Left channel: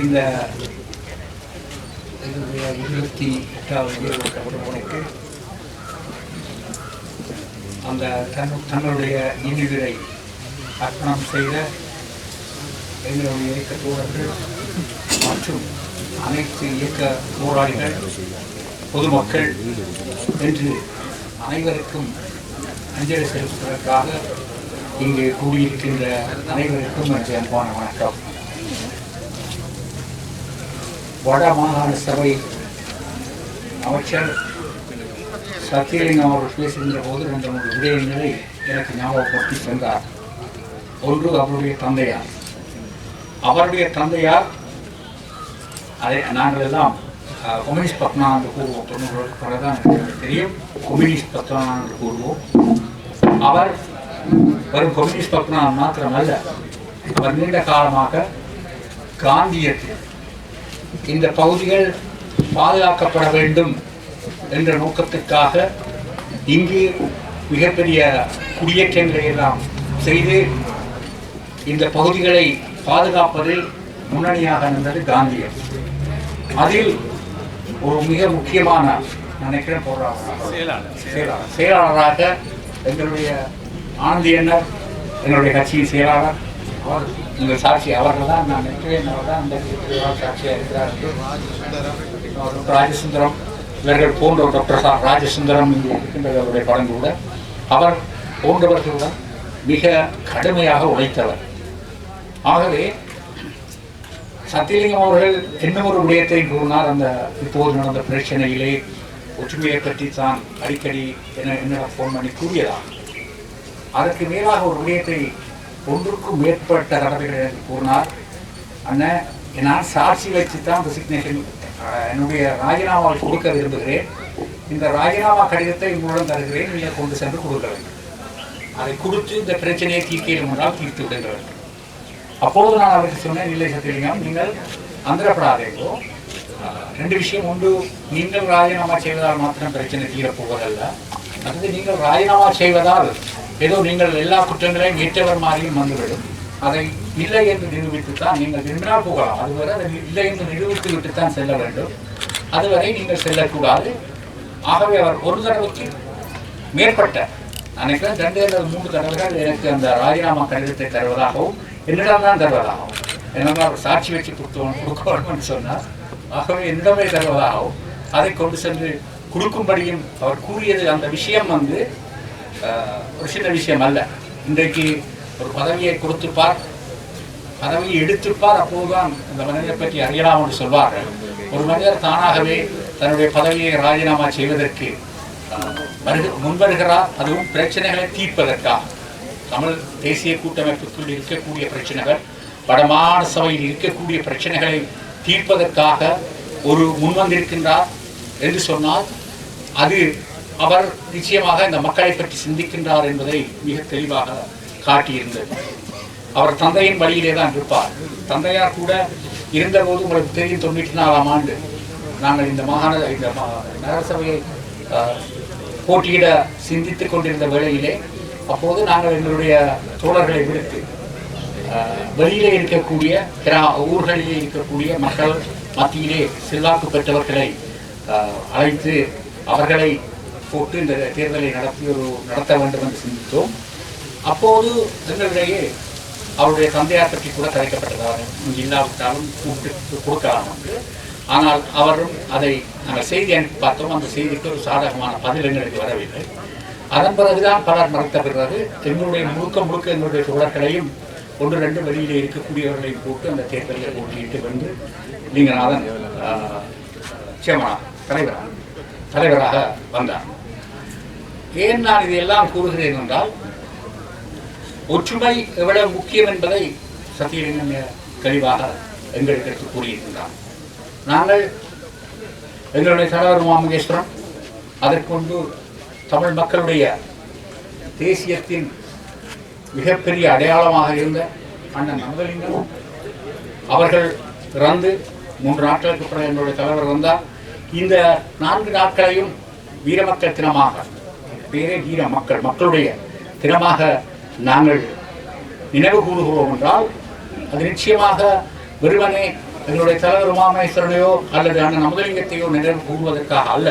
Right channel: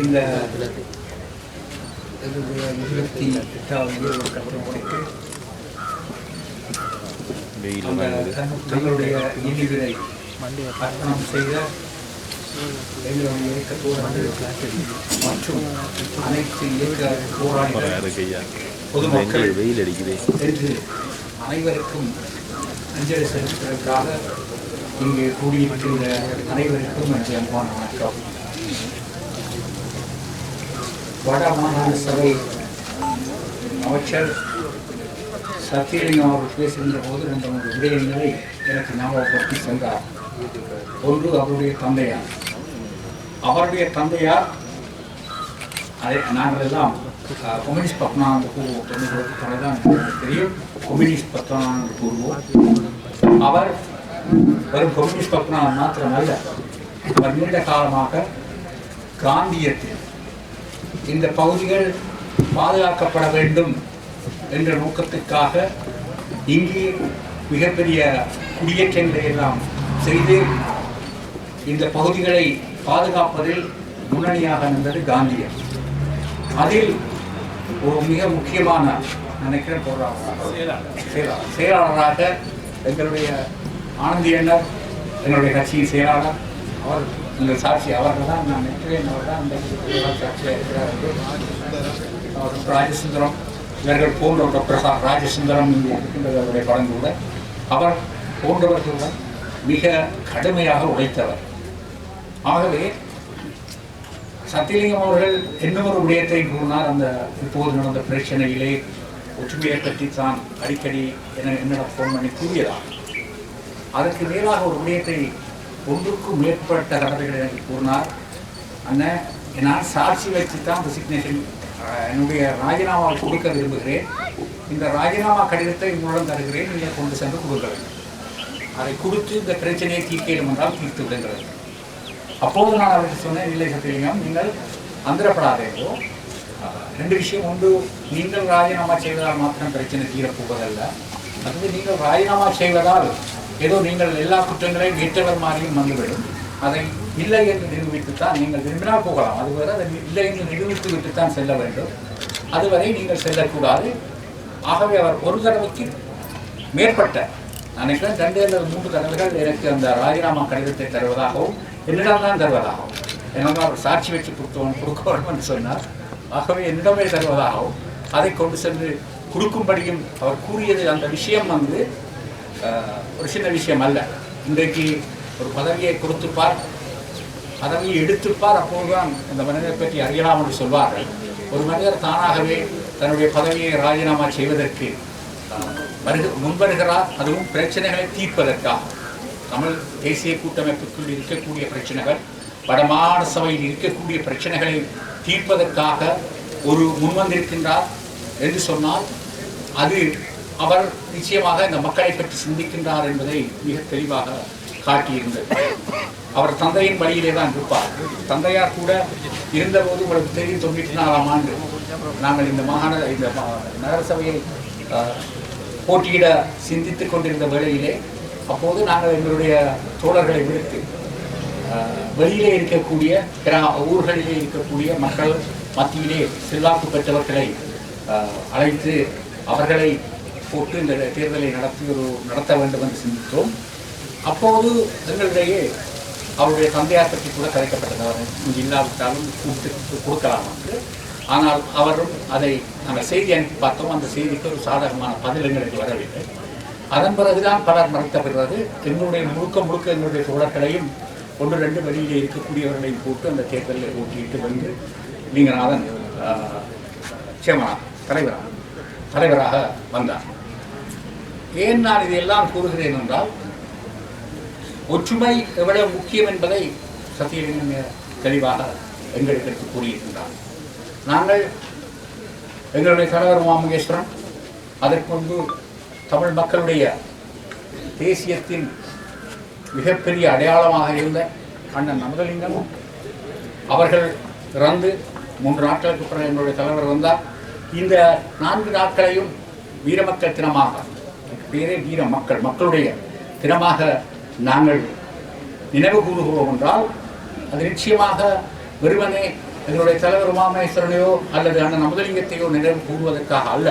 இந்த என்னுடைய 28வது கட்டுரைக்கு அந்த தன்னுடைய நினைவுரை அர்ப்பணம் செய்த எங்களுடைய இயக்க தோழர்கள் மற்றும் அனைத்து இயக்க போராளிகள் பொதுமக்கள் என்று அனைவருக்கும் அஞ்சலி செலுத்துவதற்காக இங்கே கூடியிருக்கின்ற அனைவருக்கும் என்ற அன்பான வணக்கம். வட மாகாண சபை அமைச்சர் சத்தியலிங்கம் அவர்கள் பேசுகின்ற போது 2 விடயங்களை எனக்கு ஞாபகப்படுத்தி சென்றார். ஒன்று அவருடைய தந்தையார். அவருடைய தந்தையார் அதை நாங்கள் எல்லாம் கம்யூனிஸ்ட் பத்மநாதன் கூறுவோம். தொண்ணூறுதான் தெரியும். கம்யூனிஸ்ட் பத்மநாதன் கூறுவோம். அவர் வெறும் கம்யூனிஸ்ட் பத்மநாதன் மாத்திரமல்ல, அவர் நீண்ட காலமாக காந்தியத்தில் இந்த பகுதிகள் பாதுகாக்கப்பட வேண்டும் என்ற நோக்கத்திற்காக இங்கு மிகப்பெரிய குடியேற்றங்களை எல்லாம் செய்து இந்த பகுதிகளை பாதுகாப்பதில் முன்னணியாக நின்றது காந்தியம். அதில் ஒரு மிக முக்கியமான நினைக்கிறேன் செயலாளராக எங்களுடைய ஆனந்தி அண்ணர், எங்களுடைய கட்சியின் செயலாளர், அவர் எங்கள் சாட்சி அவர்கள் தான். நான் நினைக்கிறேன் அவர் தான் இந்த சாட்சியாக இருக்கிறார் என்று. டாக்டர் ராஜசுந்தரம் இவர்கள் போன்ற டாக்டர் ராஜசுந்தரம் இங்கே இருக்கின்றவருடைய படங்களுடன் அவர் போன்றவர்களுடன் மிக கடுமையாக உழைத்தவர். ஆகவே சத்தியலிங்கம் அவர்கள் இன்னும் ஒரு விடயத்தை கூறினார். அந்த இப்போது நடந்த பிரச்சனையிலே ஒற்றுமையை பற்றி தான் அடிக்கடி என்னிடம் ஃபோன் பண்ணி கூறியதாக. அதற்கு மேலாக ஒரு விடயத்தை ஒன்றுக்கும் மேற்பட்ட கடமைகளை கூறினார். அண்ணன், நான் சாட்சி வச்சு தான் இந்த சிக்னேஷன் என்னுடைய ராஜினாமாவை கொடுக்க விரும்புகிறேன். இந்த ராஜினாமா கடிதத்தை உங்களுடன் தருகிறேன், நீங்கள் கொண்டு சென்று கொடுக்க வேண்டும். அதை கொடுத்து இந்த பிரச்சனையை தீர்க்கணும் என்றால் தீர்த்து விடுகிறது. அப்போது நான் அவருக்கு சொன்னேன், இல்லை சத்தியலிங்கம், நீங்கள் அந்தரப்படாதேங்கோ. 2 விஷயம். ஒன்று, நீங்கள் ராஜினாமா செய்வதால் மாத்திரம் பிரச்சனை தீரப்போவதல்ல. அது நீங்கள் ராஜினாமா செய்வதால் ஏதோ நீங்கள் எல்லா குற்றங்களையும் ஏற்றவர் மாதிரியும் வந்துவிடும். அதை இல்லை என்று நிரூபித்துத்தான் நீங்கள் விரும்பினால் போகலாம். அதுவரை அதை இல்லை என்று நிரூபித்து விட்டுத்தான் செல்ல வேண்டும். அதுவரை நீங்கள் செல்லக்கூடாது. ஆகவே அவர் ஒரு தடவைக்கு மேற்பட்ட, நினைக்கிறேன் 2 அல்லது 3 தடவைகள் எனக்கு அந்த ராஜினாமா கடிதத்தை தருவதாகவும் என்னிடம் தான் தருவதாகவும், எனக்கு அவர் சாட்சி வச்சு கொடுக்க வேண்டும் என்று சொன்னார். ஆகவே என்னிடமே தருவதாகவும் அதை கொண்டு சென்று கொடுக்கும்படியும் அவர் கூறியது. அந்த விஷயம் ஒரு சின்ன விஷயம் அல்ல. இன்றைக்கு ஒரு பதவியை கொடுத்துப்பார், பதவியை எடுத்துப்பார், அப்போதுதான் அந்த மனிதரை பற்றி அறியலாம் என்று சொல்வார்கள். ஒரு மனிதர் தானாகவே தன்னுடைய பதவியை ராஜினாமா செய்வதற்கு முன்வருகிறார். அதுவும் பிரச்சனைகளை தீர்ப்பதற்காக. தமிழ் தேசிய கூட்டமைப்புக்குள் இருக்கக்கூடிய பிரச்சனைகள், வடமாகாண சபையில் இருக்கக்கூடிய பிரச்சனைகளை தீர்ப்பதற்காக ஒரு முன்வந்திருக்கின்றார் என்று சொன்னால் அது அவர் நிச்சயமாக இந்த மக்களை பற்றி சிந்திக்கின்றார் என்பதை மிக தெளிவாக காட்டியிருந்தது. அவர் தந்தையின் வழியிலே தான் இருப்பார். தந்தையார் கூட இருந்தபோது உங்களுக்கு தெரியும், 94ஆம் ஆண்டு நாங்கள் இந்த நகரசபையை போட்டியிட சிந்தித்துக் கொண்டிருந்த வேளையிலே, அப்போது நாங்கள் எங்களுடைய தோழர்களை விடுத்து வெளியிலே இருக்கக்கூடிய ஊர்களிலே இருக்கக்கூடிய மக்கள் மத்தியிலே செல்வாக்கு பெற்றவர்களை அழைத்து அவர்களை போட்டு இந்த தேர்தலை நடத்த வேண்டும் என்று சிந்தித்தோம். அப்போது எங்களிடையே அவருடைய தந்தையார் பற்றி கூட கதைக்கப்பட்டது. அவர் இங்கு இல்லாவிட்டாலும் கூப்பிட்டு கொடுக்கலாம் என்று. ஆனால் அவரும் அதை நாங்கள் செய்தி அனுப்பி பார்த்தோம். அந்த செய்திக்கு ஒரு சாதகமான பதில் எங்களுக்கு வரவில்லை. அதன் பிறகுதான் பலர் மறைத்த பிறகு எங்களுடைய முழுக்க எங்களுடைய தோழர்களையும் 1-2 வெளியிலே இருக்கக்கூடியவர்களையும் போட்டு அந்த தேர்தலில் போட்டியிட்டு வந்து லிங்கநாதன் தலைவராக வந்தார். ஏன் நான் இதையெல்லாம் கூறுகிறேன் என்றால், ஒற்றுமை எவ்வளவு முக்கியம் என்பதை சத்தியலிங்கம் தெளிவாக எங்களுக்கு எடுத்து கூறியிருக்கின்றார். நாங்கள் எங்களுடைய தலைவர் மாமுகேஸ்வரன், அதற்கு முன்பு தமிழ் மக்களுடைய தேசியத்தின் மிகப்பெரிய அடையாளமாக இருந்த அண்ணன் நமதலிங்கம் அவர்கள் இறந்து 3 நாட்களுக்கு பிறகு என்னுடைய தலைவர் வந்தார். இந்த 4 நாட்களையும் வீரமக்கள் தினமாக, பேரே வீர மக்களுடைய தினமாக நாங்கள் நினைவு கூறுகிறோம் என்றால் அது நிச்சயமாக வெறுமனே எங்களுடைய தலைவர் உமாமேஸ்வரனையோ அல்லது அண்ணன் அமுதலிங்கத்தையோ நினைவு கூறுவதற்காக அல்ல.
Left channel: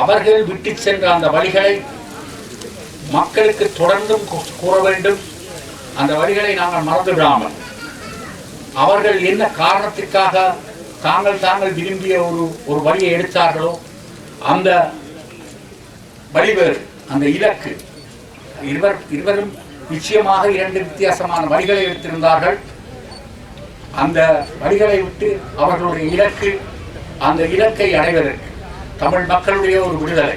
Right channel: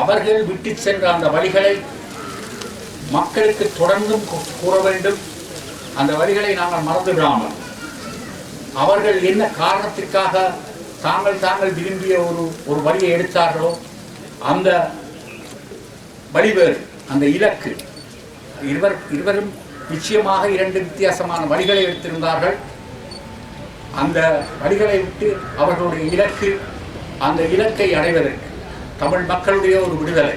அவர்கள் விட்டு சென்ற அந்த வழிகளை மக்களுக்கு தொடர்ந்தும் கூற வேண்டும். அந்த வழிகளை நாங்கள் மறந்துவிடாமல் அவர்கள் என்ன காரணத்திற்காக தாங்கள் விரும்பிய ஒரு வழியை எடுத்தார்களோ அந்த வழிவேறு, அந்த இலக்கு, இருவரும் நிச்சயமாக இரண்டு வித்தியாசமான வழிகளை எடுத்திருந்தார்கள். அந்த வழிகளை விட்டு அவர்களுடைய இலக்கு, அந்த இலக்கை அடைவதற்கு தமிழ் மக்களுடைய ஒரு விடுதலை,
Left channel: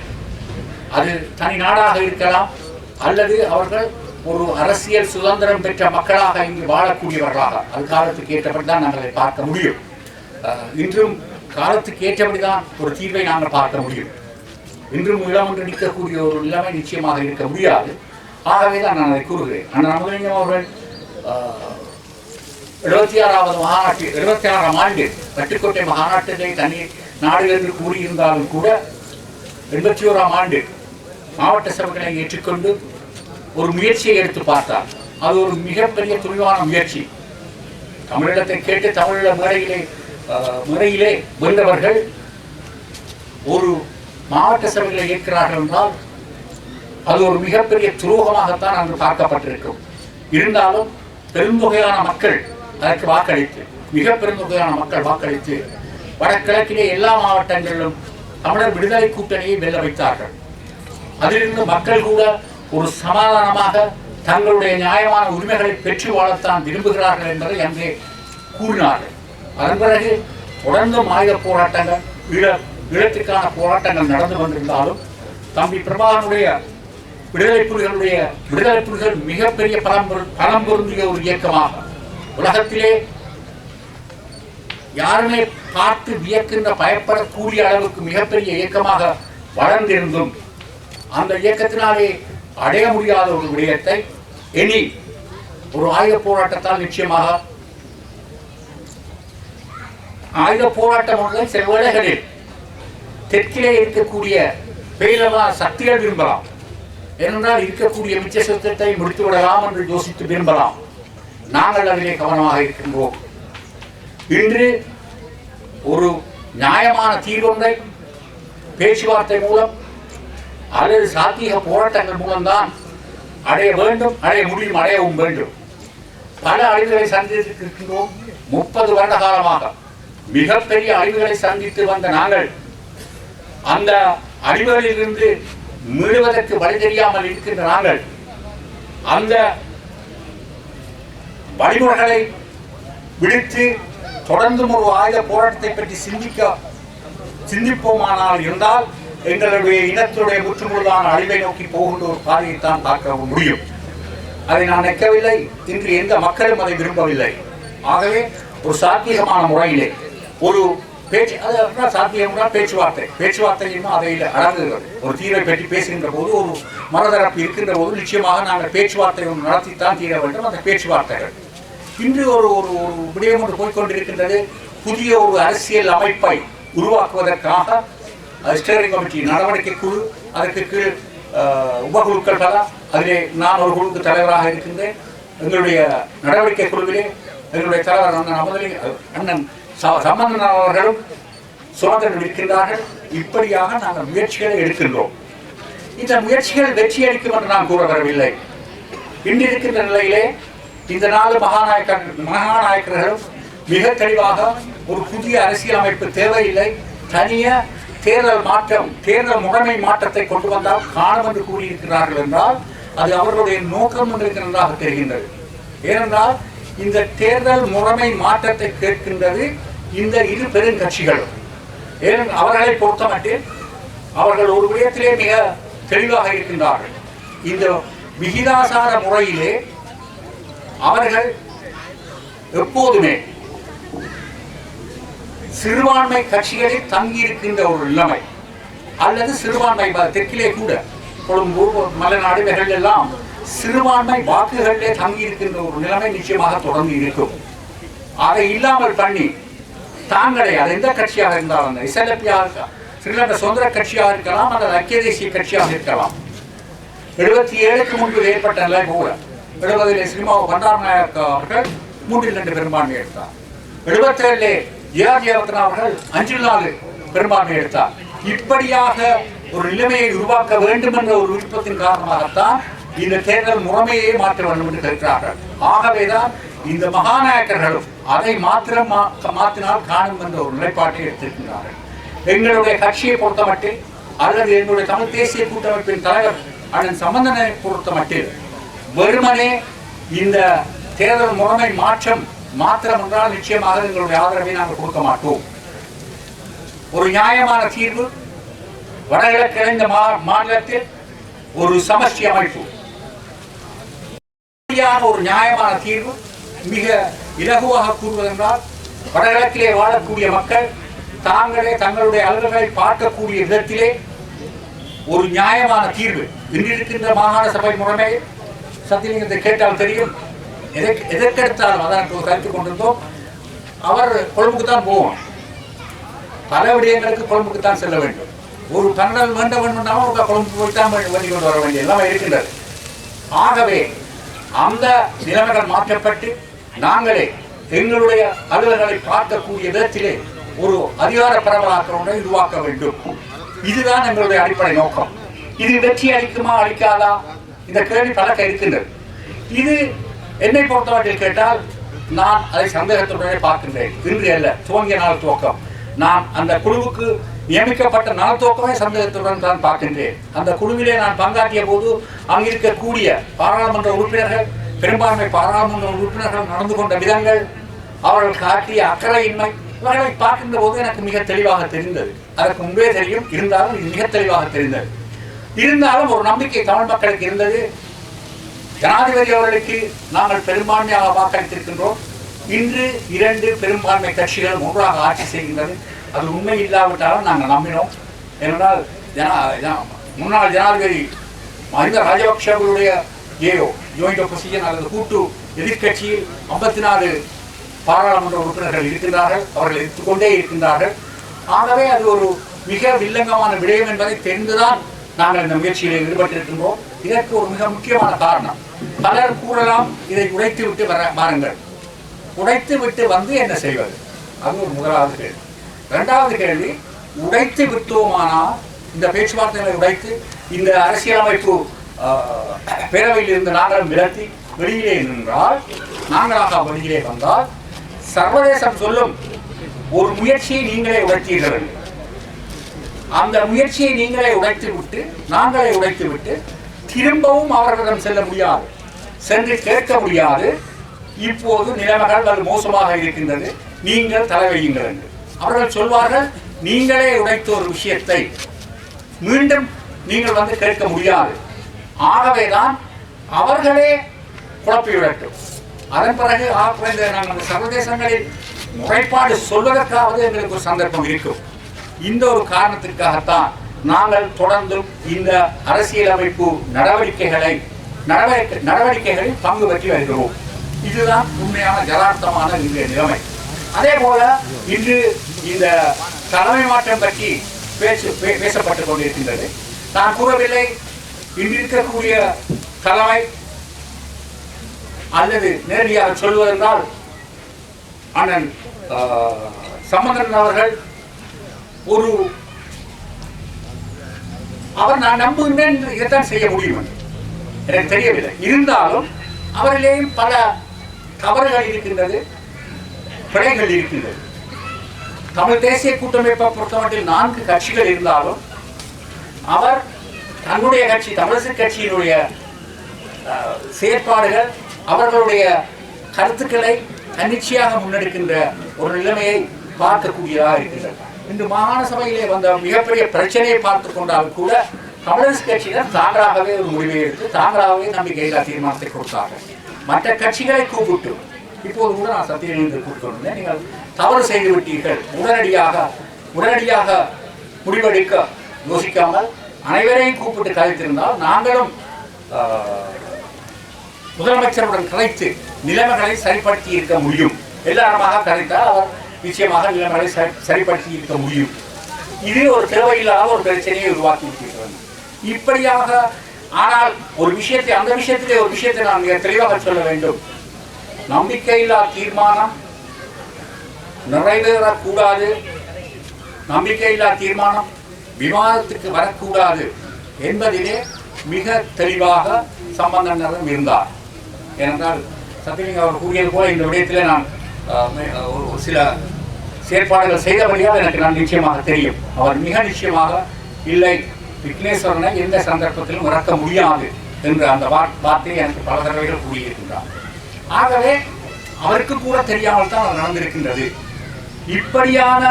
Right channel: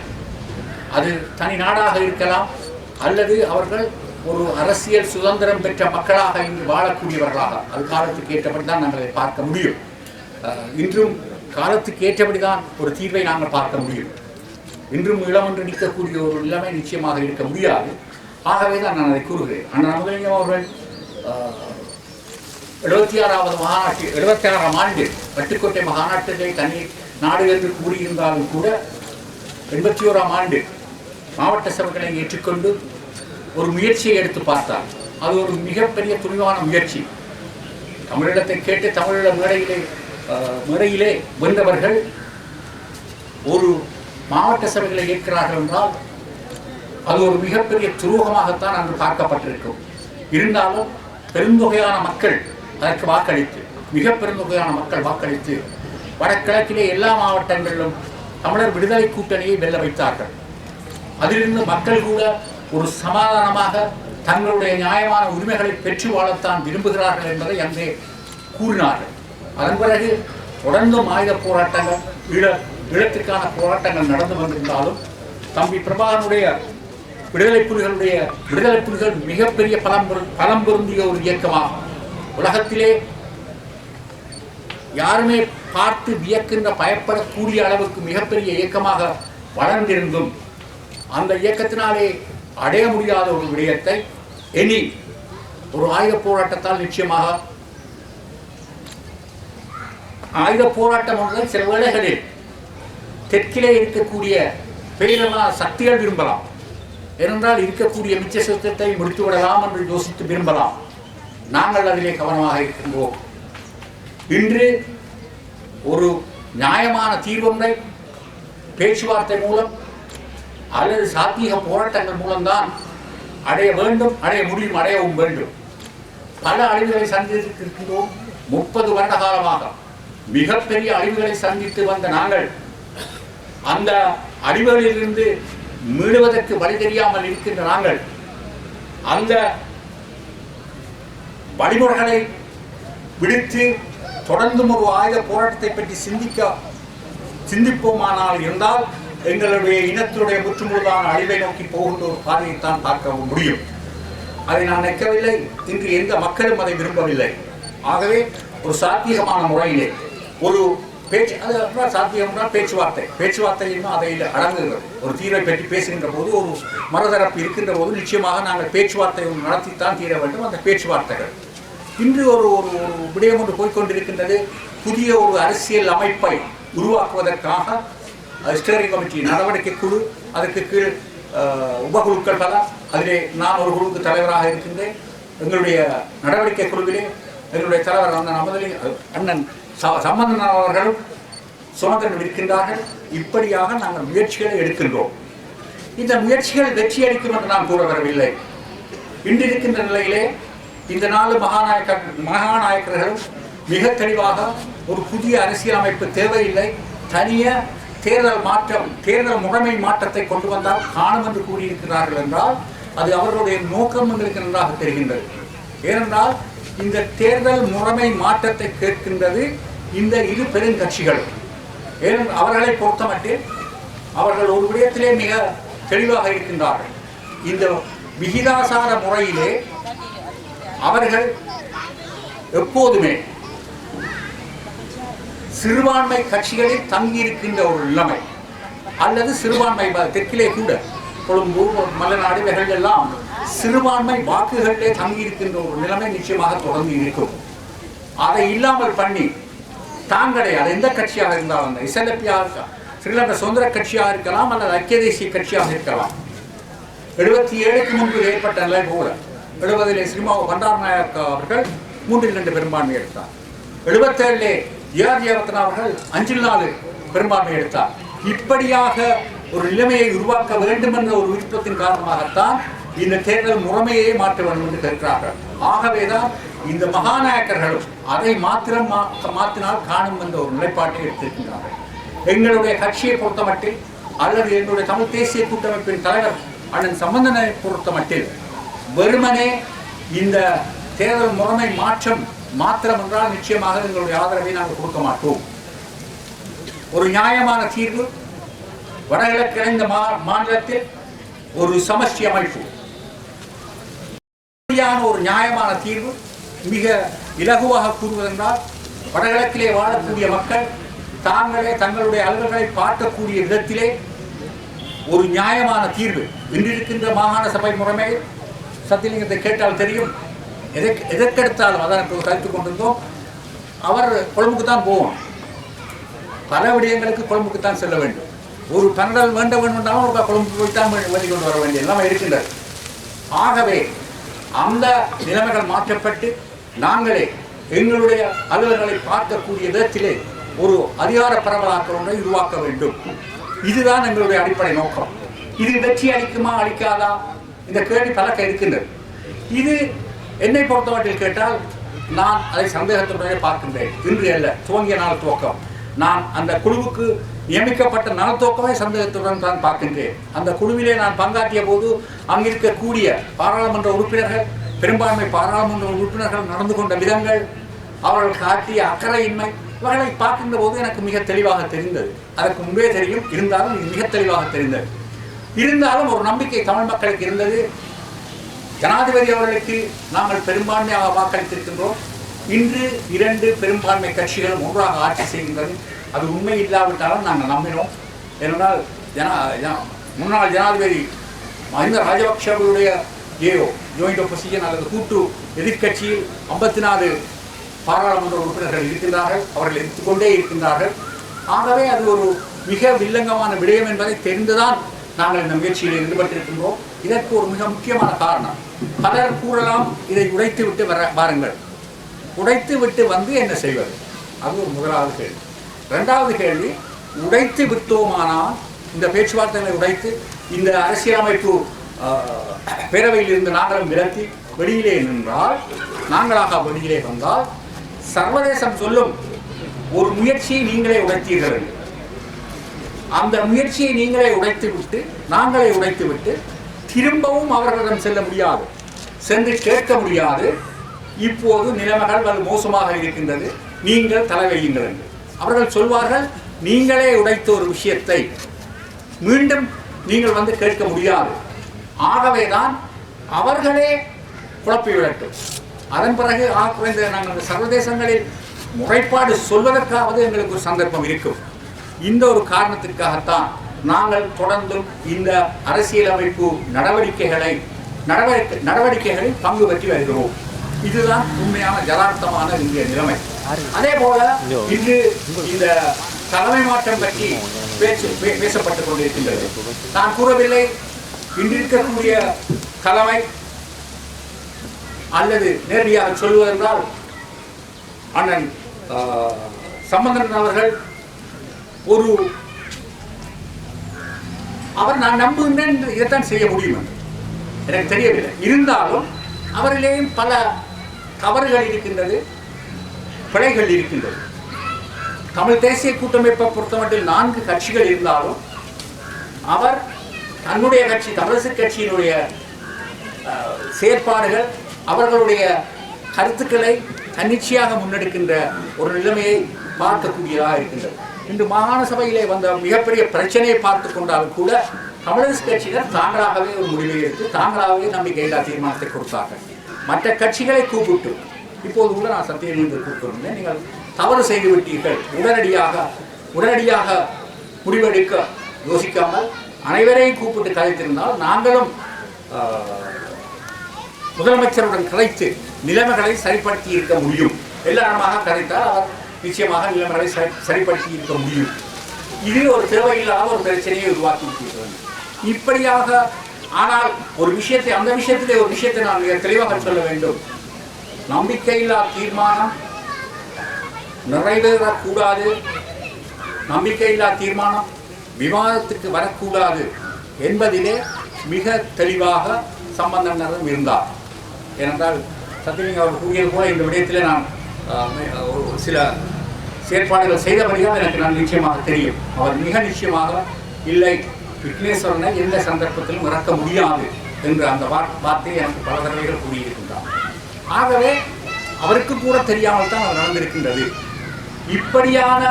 அது தனி நாடாக இருக்கலாம் அல்லது அவர்கள் ஒரு அரசியல் சுதந்திரம் பெற்ற மக்களாக இங்கு வாழக்கூடியவர்களாக, அது காலத்துக்கு ஏற்றபடி தான் நாங்கள் அதை பார்க்க முடியும். இன்றும் காலத்துக்கு ஏற்றபடிதான் ஒரு தீர்வை நாங்கள் பார்க்க முடியும். இன்றும் இளமன்று நிற்கக்கூடிய ஒரு நிலைமை நிச்சயமாக இருக்க முடியாது. ஆகவே தான் நான் அதை கூறுகிறேன். அண்ணன் அமுதலிங்கம் அவர்கள் 76ஆம் ஆண்டு பட்டுக்கோட்டை மாநாட்டிலே தனி நாடு என்று கூறியிருந்தாலும் கூட 81ஆம் ஆண்டு மாவட்ட சபைகளை ஏற்றுக்கொண்டு ஒரு முயற்சியை எடுத்து பார்த்தார். அது ஒரு மிகப்பெரிய துணிவான முயற்சி. தமிழீழத்தை கேட்டு தமிழீழ முறையிலே வென்றவர்கள் ஒரு மாவட்ட சபைகளை ஏற்கிறார்கள் என்றால் அது ஒரு மிகப்பெரிய துரோகமாகத்தான் அங்கு பார்க்கப்பட்டிருக்கும். இருந்தாலும் பெருந்தொகையான மக்கள் அதற்கு வாக்களித்து, மிக பெருந்தொகையான மக்கள் வாக்களித்து வடகிழக்கிலே எல்லா மாவட்டங்களிலும் தமிழர் விடுதலை கூட்டணியை வெல்ல வைத்தார்கள். அதிலிருந்து மக்கள் கூட ஒரு சமாதானமாக தங்களுடைய நியாயமான உரிமைகளை பெற்று வாழத்தான் விரும்புகிறார்கள் என்பதை அன்றே கூறினார்கள். அதன் பிறகு தொடர்ந்தும் ஆயுத போராட்டங்கள், ஈழத்திற்கான போராட்டங்கள் நடந்து வந்திருந்தாலும் தம்பி பிரபாகரனுடைய விடுதலை புலிகள் மிகப்பெரிய பலம் பொருந்திய ஒரு இயக்கமாக, உலகத்திலே யாருமே பார்த்து வியக்கின்ற பயப்படக்கூடிய அளவுக்கு மிகப்பெரிய இயக்கமாக வளர்ந்திருந்தும் அந்த இயக்கத்தினாலே அடைய முடியாத ஒரு விடயத்தை இனி ஒரு ஆயுத போராட்டத்தால் நிச்சயமாக, ஆயுத போராட்டம் சில வேளைகளில் தெற்கிலே இருக்கக்கூடிய பேரளவான சக்திகள் விரும்பலாம். ஏனென்றால் இருக்கக்கூடிய மிச்ச சுத்தத்தை முடித்து விடலாம் என்று யோசித்து விரும்பலாம். நாங்கள் அதிலே கவனமாக இருக்கின்றோம். இன்று ஒரு நியாயமான தீர்வொன்றை பேச்சுவார்த்தை மூலம் அல்லது சாத்திய போராட்டங்கள் மூலம்தான் அடைய வேண்டும், அடைய முடியும், அடையவும் வேண்டும். பல அழிவுகளை சந்தித்திருக்கின்றோம். 30 வருட காலமாக மிகப்பெரிய அழிவுகளை சந்தித்து வந்த நாங்கள் அந்த அழிவுகளிலிருந்து மீளுவதற்கு வழி தெரியாமல் இருக்கின்ற நாங்கள் அந்த வழிமுறைகளை விடுத்து தொடர்ந்தும் ஒரு ஆயுத போராட்டத்தை பற்றி சிந்திப்போமானால் இருந்தால் எங்களுடைய இனத்துடைய முற்றுமுழுதான அழிவை நோக்கி போகின்ற ஒரு பாதையைத்தான் பார்க்க முடியும். அதை நான் நிற்கவில்லை. இன்று எந்த மக்களும் அதை விரும்பவில்லை. ஆகவே ஒரு சாத்தியமான முறையிலே ஒரு பேச்சு, அது சாத்தியம்னா பேச்சுவார்த்தை இன்னும் அதை அடங்குகிறது. ஒரு தீர்வை பற்றி பேசுகின்ற போது, ஒரு மறுதரப்பு இருக்கின்ற போது நிச்சயமாக நாங்கள் பேச்சுவார்த்தை நடத்தித்தான் தீர வேண்டும். அந்த பேச்சுவார்த்தைகள் இன்று ஒரு விடயம் ஒன்று போய்கொண்டிருக்கின்றது. புதிய ஒரு அரசியல் அமைப்பை உருவாக்குவதற்காக ஸ்டேரிங் கமிட்டி நடவடிக்கை குழு, அதற்கு கீழ் உபகுழுக்கள் பல, அதிலே நான் ஒரு குழுக்கு தலைவராக இருக்கின்றேன். எங்களுடைய நடவடிக்கை குழுவிலே எங்களுடைய தலைவர் அண்ணன் சம்பந்தன் அவர்களும் சுமந்திரன் இருக்கின்றார்கள். இப்படியாக நாங்கள் முயற்சிகளை எடுக்கின்றோம். இந்த முயற்சிகள் வெற்றி அளிக்கும் என்று நான் கூற வரவில்லை. இன்று இருக்கின்ற நிலையிலே இந்த 4 மகாநாயக்கர்களும் மிக தெளிவாக ஒரு புதிய அரசியல் அமைப்பு தேவையில்லை, தனிய தேர்தல் முறைமை மாற்றத்தை கொண்டு வந்தால் காணும் என்று கூறியிருக்கிறார்கள் என்றால் அது அவர்களுடைய நோக்கம் எங்களுக்கு நன்றாக தெரிகின்றது. ஏனென்றால் இந்த தேர்தல் முறைமை மாற்றத்தை கேட்கின்றது இந்த இரு பெருங்கட்சிகளும். ஏனென்றால் அவர்களை பொறுத்தமட்டில் அவர்கள் ஒரு விடயத்திலே மிக தெளிவாக இருக்கின்றார்கள். இந்த விகிதாசார முறையிலே அவர்கள் எப்போதுமே சிறுபான்மை கட்சிகளில் தங்கியிருக்கின்ற ஒரு நிலைமை, அல்லது சிறுபான்மை தெற்கிலே கூட கொழும்பு, மலைநாடு இவைகள் எல்லாம் சிறுபான்மை வாக்குகளிலே தங்கியிருக்கின்ற ஒரு நிலைமை நிச்சயமாக தொடர்ந்து இருக்கும். அதை இல்லாமல் பண்ணி தாங்களே, அது எந்த கட்சியாக இருந்தாலும், இஸ்லாமியாக ஸ்ரீலங்கா சுதந்திர கட்சியாக இருக்கலாம் அல்லது ஐக்கிய தேசிய கட்சியாக இருக்கலாம், 77க்கு முன்பு ஏற்பட்ட நிலை போல 70 ஸ்ரீமா பண்டாரநாயக்க அவர்கள் 3 பெரும்பான்மை எடுத்தார். 77 ஜிஆர்ஜியவர்தன் அவர்கள் 5-4 பெரும்பான்மை எடுத்தார். இப்படியாக ஒரு நிலைமையை உருவாக்க வேண்டும் என்ற ஒரு விருப்பத்தின் காரணமாகத்தான் இந்த தேர்தல் முறைமையை மாற்ற வேண்டும் என்று கேட்கிறார்கள். ஆகவேதான் இந்த மகாநாயக்கர்களும் அதை மாற்றினால் காணும் என்ற ஒரு நிலைப்பாட்டை எடுத்திருக்கின்றார்கள். எங்களுடைய கட்சியை பொறுத்தமட்டில் அல்லது எங்களுடைய தமிழ் தேசிய கூட்டமைப்பின் தலைவர் அண்ணன் சம்பந்தனை பொறுத்தமட்டில் வெறுமனே இந்த தேர்தல் முறைமை மாத்திரம் என்றால் நிச்சயமாக எங்களுடைய ஆதரவை நாங்கள் கொடுக்க மாட்டோம். ஒரு நியாயமான தீர்வு, வடகிழக்கு இந்த மாநிலத்தில் ஒரு சமஷ்டி அமைப்பு, ஒரு நியாயமான தீர்வு. மிக இலகுவாக கூறுவதென்றால் வடகிழக்கிலே வாழக்கூடிய மக்கள் தாங்களே தங்களுடைய அலுவல்களை பார்க்கக்கூடிய விதத்திலே ஒரு நியாயமான தீர்வு. இன்றிருக்கின்ற மாகாண சபை முறைமை சத்தியலிங்கத்தை கேட்டால் தெரியும். எதற்கெடுத்தாலும் அதற்கு கருத்து கொண்டிருந்தோம். அவர் கொழும்புக்கு தான் போவோம், பல விடயங்களுக்கு கொழும்புக்கு தான் செல்ல வேண்டும். ஒரு பன்னல் வேண்ட வேண்டும்னாலும் ஒரு கொழும்பு போய்த்தான் வேண்டி கொண்டு வர வேண்டிய எல்லாமே இருக்கின்றது. ஆகவே அந்த நிலைமைகள் மாற்றப்பட்டு நாங்களே எங்களுடைய அலுவலர்களை பார்க்கக்கூடிய விதத்திலே ஒரு அதிகார பரவலாக்க ஒன்றை உருவாக்க வேண்டும். இதுதான் எங்களுடைய அடிப்படை நோக்கம். இது வெற்றி அளிக்குமா அளிக்காதா இந்த கேள்வி பலக்க இருக்கின்றது. இது என்னை பொறுத்தவரையில் கேட்டால் நான் அதை சந்தேகத்துடனே பார்க்கின்றேன். இன்று அல்ல, துவங்கிய நாள் துவக்கம். நான் அந்த குழுவுக்கு நியமிக்கப்பட்ட நாள் துவக்கமே சந்தேகத்துடன் தான் பார்க்கின்றேன். அந்த குழுவிலே நான் பங்காற்றிய போது அங்கிருக்கக்கூடிய பாராளுமன்ற உறுப்பினர்கள், பெரும்பான்மை பாராளுமன்ற உறுப்பினர்கள் நடந்து கொண்ட விதங்கள், அவர்கள் காட்டிய அக்கறையின்மை, இவர்களை பார்க்கின்ற போது எனக்கு மிக தெளிவாக தெரிந்தது. அதற்கு முன்பே தெரியும், இருந்தாலும் இது மிக தெளிவாக தெரிந்தது. இருந்தாலும் ஒரு நம்பிக்கை தமிழ் மக்களுக்கு இருந்தது. ஜனாதிபதி அவர்களுக்கு நாங்கள் பெரும்பான்மையாக வாக்களித்திருக்கின்றோம். இன்று 2 பெரும்பான்மை கட்சிகள் ஒன்றாக ஆட்சி செய்கின்றது. அது உண்மை இல்லாவிட்டாலும் நாங்கள் நம்பினோம். ஏனென்றால் முன்னாள் ஜனாதிபதி மஹிந்த ராஜபக்ஷவுடைய ஜாயிண்ட் ஒப்போசிஷன் அல்லது கூட்டு எதிர்கட்சியில் 54 பாராளுமன்ற உறுப்பினர்கள் இருக்கின்றார்கள். அவர்கள் எடுத்துக்கொண்டே இருக்கின்றார்கள். ஆகவே அது ஒரு மிக வில்லங்கமான விடயம் என்பதை தெரிந்துதான் நாங்கள் இந்த முயற்சியில் ஈடுபட்டிருக்கின்றோம். இதற்கு ஒரு மிக முக்கியமான காரணம், பலர் கூறலாம் இதை உடைத்து விட்டு வாருங்கள். உடைத்து விட்டு வந்து என்ன செய்வது? அது ஒரு முதலாவது கேள்வி. 2வது கேள்வி, உடைத்து விட்டோமானால் இந்த பேச்சுவார்த்தைகளை உடைத்து இந்த அரசியலமைப்பு பேரவையில் இருந்து நாங்களும் விலத்தி வெளியிலே நின்றால், நாங்களாக வெளியிலே வந்தால் சர்வதேசம் சொல்லும் ஒரு முயற்சியை நீங்களே உடைத்தீர்கள். அந்த முயற்சியை நீங்களே உடைத்து விட்டு நாங்களே உடைத்து விட்டு திரும்பவும் அவர்களிடம் செல்ல முடியாது, சென்று கேட்க முடியாது. இப்போது நிலைமைகள் வலு மோசமாக இருக்கின்றது, நீங்கள் தலைவையுங்கள் என்று அவர்கள் சொல்வார்கள். நீங்களே உடைத்த ஒரு விஷயத்தை மீண்டும் நீங்கள் வந்து கேட்க முடியாது. ஆகவேதான் அவர்களே குழப்பிவிடட்டும். அதன் பிறகு குறைந்த நாங்கள் அந்த சர்வதேசங்களில் முறைப்பாடு சொல்வதற்காவது எங்களுக்கு ஒரு சந்தர்ப்பம் இருக்கும். இந்த ஒரு காரணத்திற்காகத்தான் நாங்கள் தொடர்ந்தும் இந்த அரசியலமைப்பு நடவடிக்கைகளில் பங்கு பெற்று வருகிறோம். இதுதான் உண்மையான யதார்த்தமான இன்றைய நிலைமை. அதே போல இன்று இந்த தலைமை மாற்றம் பற்றி பேசப்பட்டுக் கொண்டிருக்கின்றது. நான் கூறவில்லை இன்றிருக்கக்கூடிய தலைமை, அல்லது நேரடியாக சொல்வதென்றால் அண்ணன் சம்பந்தன் அவர்கள் அவர் நான் நம்புகின்றேன் இதைத்தான் செய்ய முடியும் எனக்கு தெரியவில்லை. இருந்தாலும் அவரிலேயும் பல தவறுகள் இருக்கின்றது, பிழைகள் இருக்கின்றது. தமிழ் தேசிய கூட்டமைப்பை பொறுத்தமட்டில் 4 கட்சிகள் இருந்தாலும் அவர் தன்னுடைய கட்சி தமிழரசு கட்சியினுடைய செயற்பாடுகள், அவர்களுடைய கருத்துக்களை தன்னிச்சையாக முன்னெடுக்கின்ற ஒரு நிலைமையை பார்க்கக்கூடியதாக இருக்கின்றது. இன்று மாகாண சபையிலே வந்த மிகப்பெரிய பிரச்சனையை பார்த்து கொண்டாலும் கூட தமிழரசு கட்சியினர் தாங்களாகவே ஒரு முடிவை எடுத்து தாங்களாகவே நம்பிக்கையில்லா தீர்மானத்தை கொடுத்தார்கள். மற்ற கட்சிகளை கூப்பிட்டு, இப்போது கூட நான் சத்தியலிங்கத்தை கூப்பிட்டு, நீங்கள் தவறு செய்து விட்டீர்கள், உடனடியாக முடிவெடுக்க யோசிக்காமல் அனைவரையும் கூப்பிட்டு கலைத்திருந்தால் நாங்களும் முதலமைச்சருடன் கலைத்து நிலைமைகளை சரிப்படுத்தி இருக்க முடியும். எல்லாருமாக கலைத்தால் அவர் நிச்சயமாக நிலைமைகளை சரிப்படுத்தி இருக்க முடியும். இது ஒரு தேவையில்லாத ஒரு பிரச்சனையை உருவாக்கி விட்டிருக்கிறது. இப்படியாக ஆனால் ஒரு விஷயத்தை, அந்த விஷயத்திலே ஒரு விஷயத்தை நான் மிக தெளிவாக சொல்ல வேண்டும். நம்பிக்கையில்லா தீர்மானம் நிறைவேறக்கூடாது, நம்பிக்கையில்லா தீர்மானம் விவாதத்துக்கு வரக்கூடாது என்பதிலே மிக தெளிவாக சம்பந்தனரும் இருந்தார். ஏனென்றால் சத்தியலிங்கம் அவர் கூறியது போல இந்த விடயத்தில் நான் சில செயற்பாடுகள் செய்தபடியாக எனக்கு நான் நிச்சயமாக தெரியும். அவர் மிக நிச்சயமாக இல்லை, விக்னேஸ்வரனை எந்த சந்தர்ப்பத்திலும் மறக்க முடியாது என்ற அந்த வார்த்தையை எனக்கு பல தடவைகள் கூறியிருக்கின்றார். ஆகவே அவருக்கு கூட தெரியாமல் தான் அது நடந்திருக்கின்றது. இப்படியான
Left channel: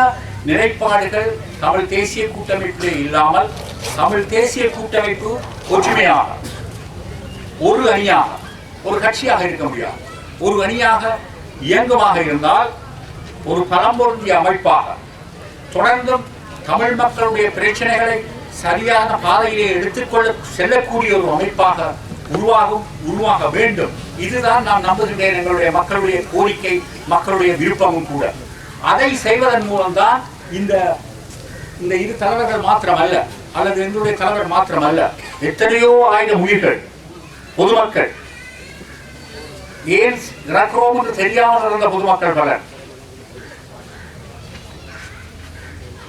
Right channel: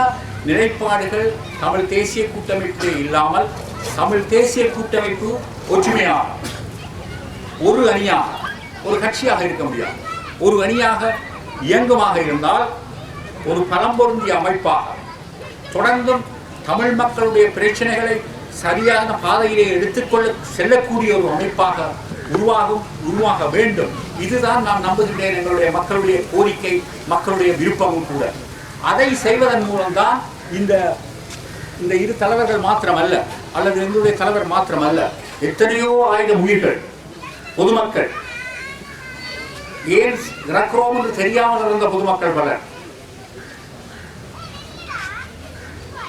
நிலைப்பாடுகள் தமிழ் தேசிய கூட்டமைப்பிலே இல்லாமல் தமிழ் தேசிய கூட்டமைப்பு ஒற்றுமையாக ஒரு அணியாக ஒரு கட்சியாக இருக்க முடியாது. ஒரு அணியாக இயங்குமாக இருந்தால் ஒரு பலம் பொருந்திய அமைப்பாக தொடர்ந்தும் தமிழ் மக்களுடைய பிரச்சனைகளை சரியான பாதையிலே எடுத்துக்கொள்ள செல்லக்கூடிய ஒரு அமைப்பாக உருவாக வேண்டும். இதுதான் நான் நம்புகின்றேன், எங்களுடைய மக்களுடைய கோரிக்கை, மக்களுடைய விருப்பமும் கூட. அதை செய்வதன் மூலம்தான் இந்த இரு தலைவர்கள் மாத்திரமல்ல, அல்லது எங்களுடைய தலைவர் மாத்திரமல்ல, எத்தனையோ ஆயிரம் உயிர்கள், பொதுமக்கள், ஏன் இறக்கிறோம் என்று தெரியாமல் இருந்த பொதுமக்கள் பலர்,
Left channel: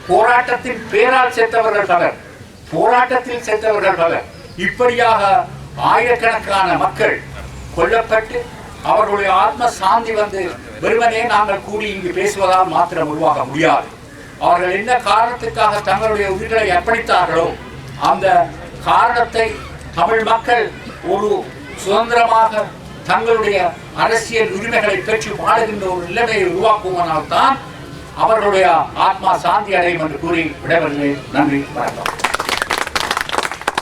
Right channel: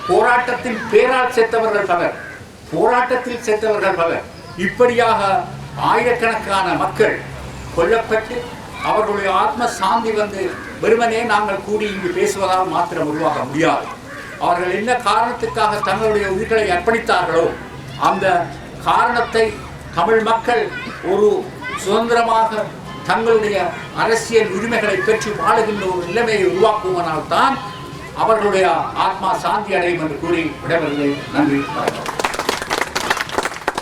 போராட்டத்தின் பேரால் செத்தவர்கள் பலர், போராட்டத்தில் செத்தவர்கள் பலர், இப்படியாக ஆயிரக்கணக்கான மக்கள் கொல்லப்பட்டு அவர்களுடைய ஆத்ம சாந்தி வந்து வெறுமனே நாங்கள் கூடி இங்கு பேசுவதால் மாத்திரம் உருவாக முடியாது. அவர்கள் என்ன காரணத்துக்காக தங்களுடைய உயிர்களை அர்ப்பணித்தார்களோ அந்த காரணத்தை தமிழ் மக்கள் ஒரு சுதந்திரமாக தங்களுடைய அரசியல் உரிமைகளை பெற்று வாழுகின்ற ஒரு நிலைமையை உருவாக்குவதனால் தான் அவர்களுடைய ஆத்மா சாந்தி அடையும் என்று கூறி விடைபெறுகிறேன். நன்றி, வணக்கம்.